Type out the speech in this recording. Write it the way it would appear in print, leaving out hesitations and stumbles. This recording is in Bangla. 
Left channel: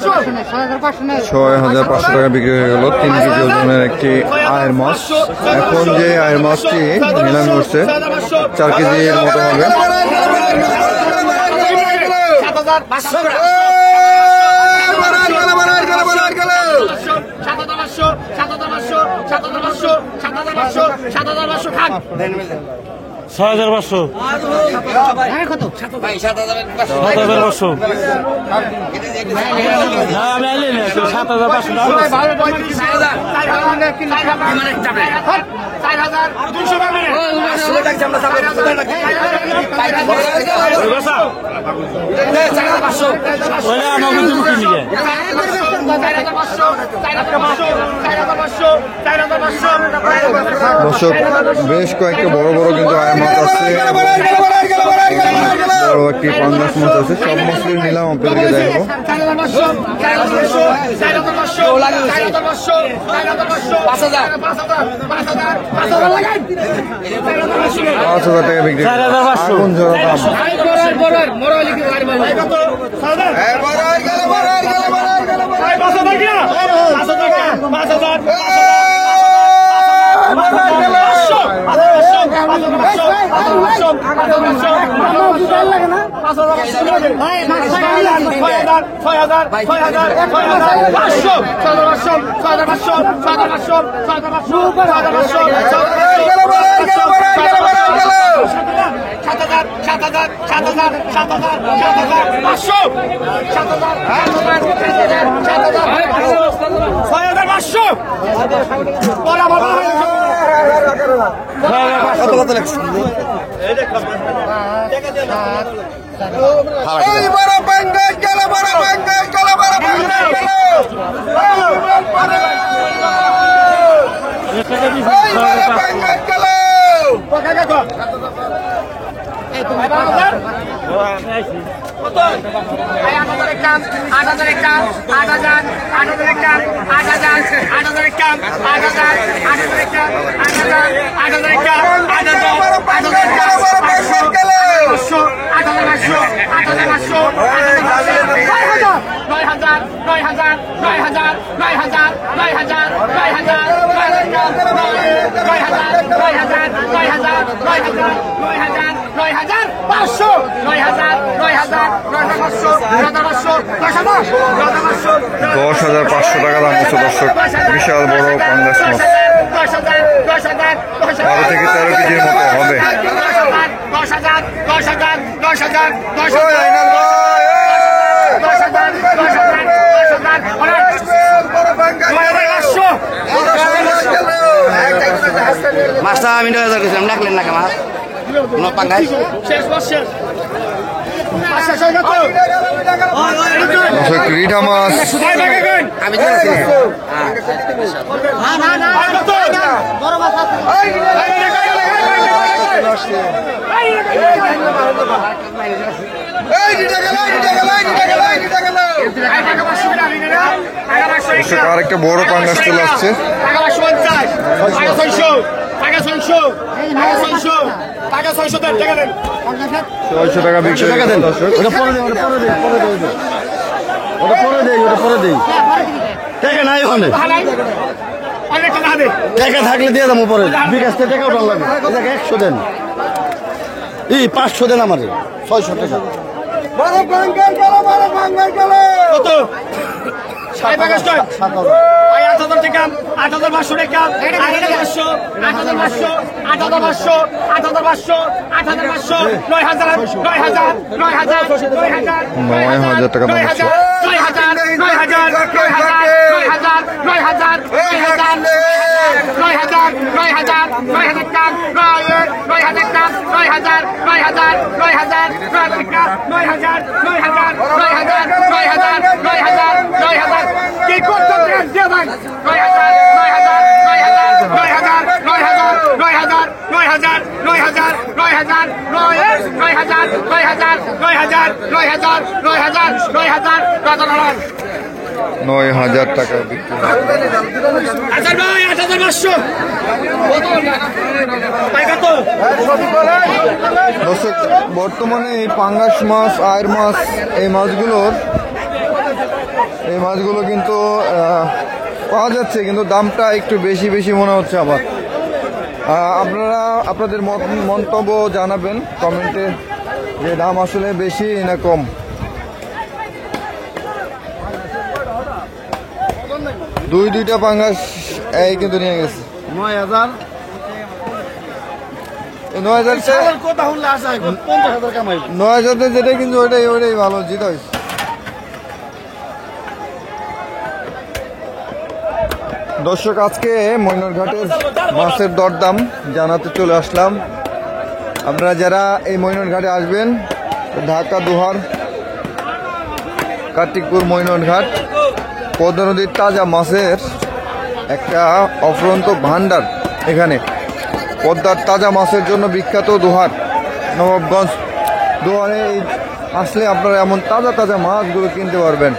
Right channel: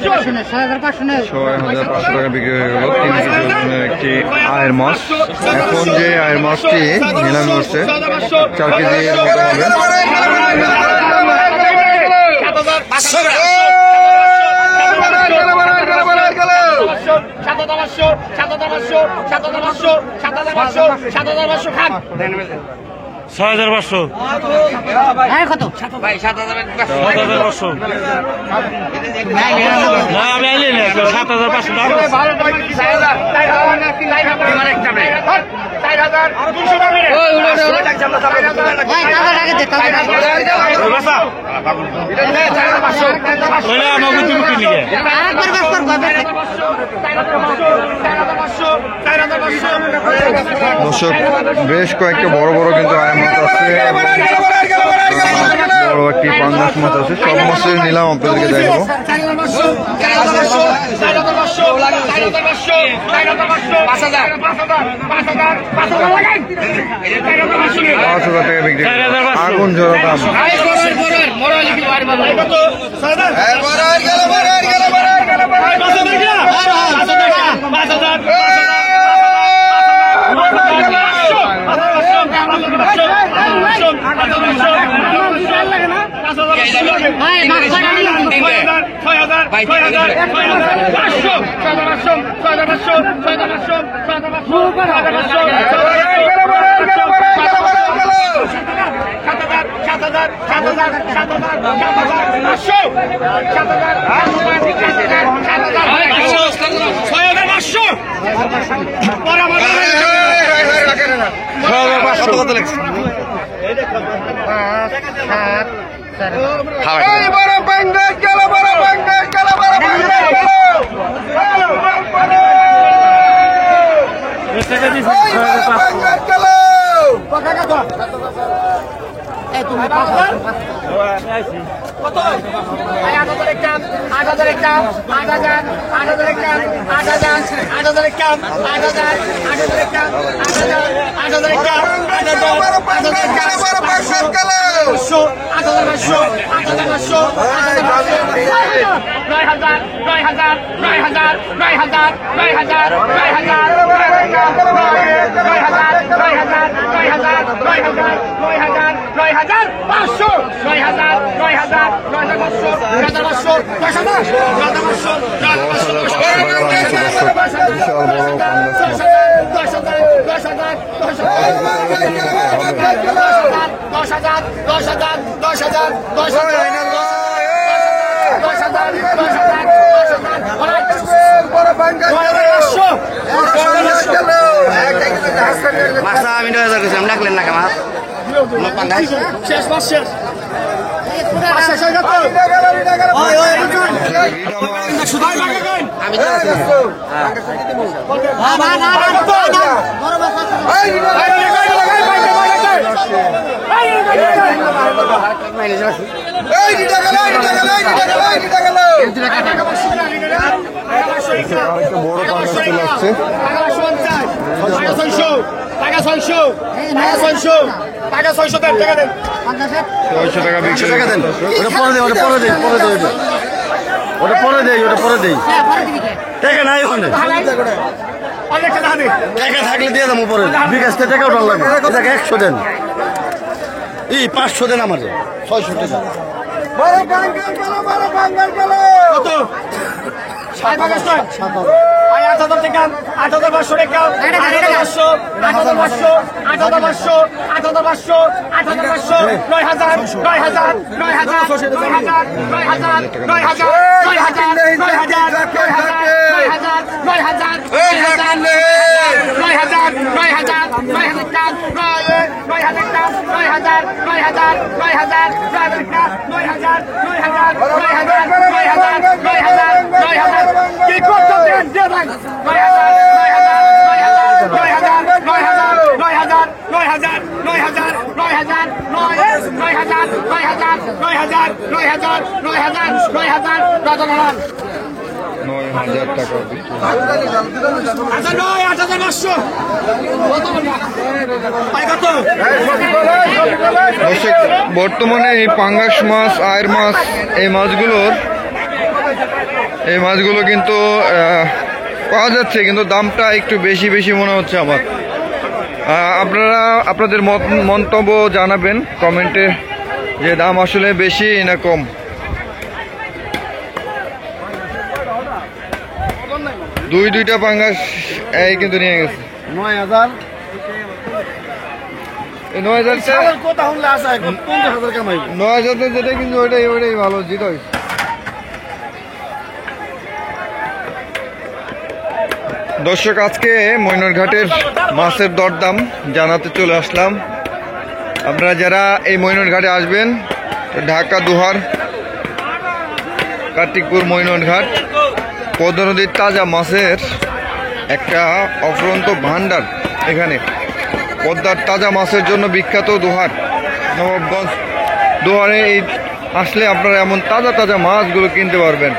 6,500 টাকা বিক্রি হয়ে গেল 3 কেজি ওজনের একটি আয়ের মাছ। এখন যে আয়ের মাছটি নিলামে হচ্ছে 4 কেজির মতো হবে। দর্শক, বেশ কয়েকটা বড় বড় কিন্তু আয়ের মাছ আছে, বড় একটি পাঙ্গাস মাছ আছে। সব মাছের নিলাম আপনাদেরকে দেখাবো। 5,000 টাকা বিক্রি, আগুন ঝরা দাম। বিশাল বড় পাঙ্গাস মাছ, 12 থেকে 13 কেজির মতো হবে। রিঠা মাছ আরেকটা বড় পাঙ্গাস চলে আসছে। 600 টাকা বিক্রি। থাকলে দিয়ে দেবো পরে, বিকাশ টাকাও ডাল লাগবে। এটাকে 100 দেন, 500 দেন আমাদের 600 টাকা। কত? 8,500 টাকা, 8,500 টাকা, 8,500, 8,500, 8,500, 8,500, 8,500, 9,000, 9,000, 9,000, 9,000, 9,000, 9,000, 9,000, 9,000, 9,000, 9,000, 9,000, 9,000, 9,000, 9,000 টাকা, 9,000 টাকা, 9,000, 9,000, 9,000, 9,000 টাকা, 9,000, 9,000, 9,000, 9,000, 9,000, 9,000 কি করতে দিয়ে দেন। 9,000, 9,000, 9,000, 9,000, 9,000, 9,000, 9,000, 9,000, 9,000, 9,000, 9,000, 9,000, 9,000, 9,000, 9,000, 9,000, 9,000 টাকা বিক্রি। 8,500। দর্শক, বর্তমানে এই পাঙ্গাস মাছ, আয়ের মাছ, এই মাছগুলোর এই মাছগুলো কিন্তু পাওয়া যাচ্ছে, কিন্তু দামটা একটু বেশি বেশি মনে হচ্ছে আমার। আপনারা আপনাদের মন্তব্য জানাবেন কমেন্টে যে দাম আসলে বেশি না কম। দুইটা পাঙ্গাস এই কিন্তু নিয়ে গেছে 9,000। 9,000 কথা শুনলে আসা 50,000 কামাই। 9,000 যেটা কিন্তু ওইটাই ভালো জিত হয়। দর্শক, আজকে মৈনটঘাটের মাছের দরদাম জানাতে চলে আসলাম। আপনারা যারা এই মৈনটঘাটে আসবেন, ঢাকা দুহার কার্তিকপুর মৈনটঘাট, পদ্মা নদীর তাজা মাছের একটা অফুরন্ত ভান্ডার। এখানে পদ্মার তাজা মাছের জন্য বিখ্যাত দুহার, নবাবগঞ্জ দুহারে আসলে আপনারা এমন তাজা তাজা মাছগুলো কিনতে পারবেন।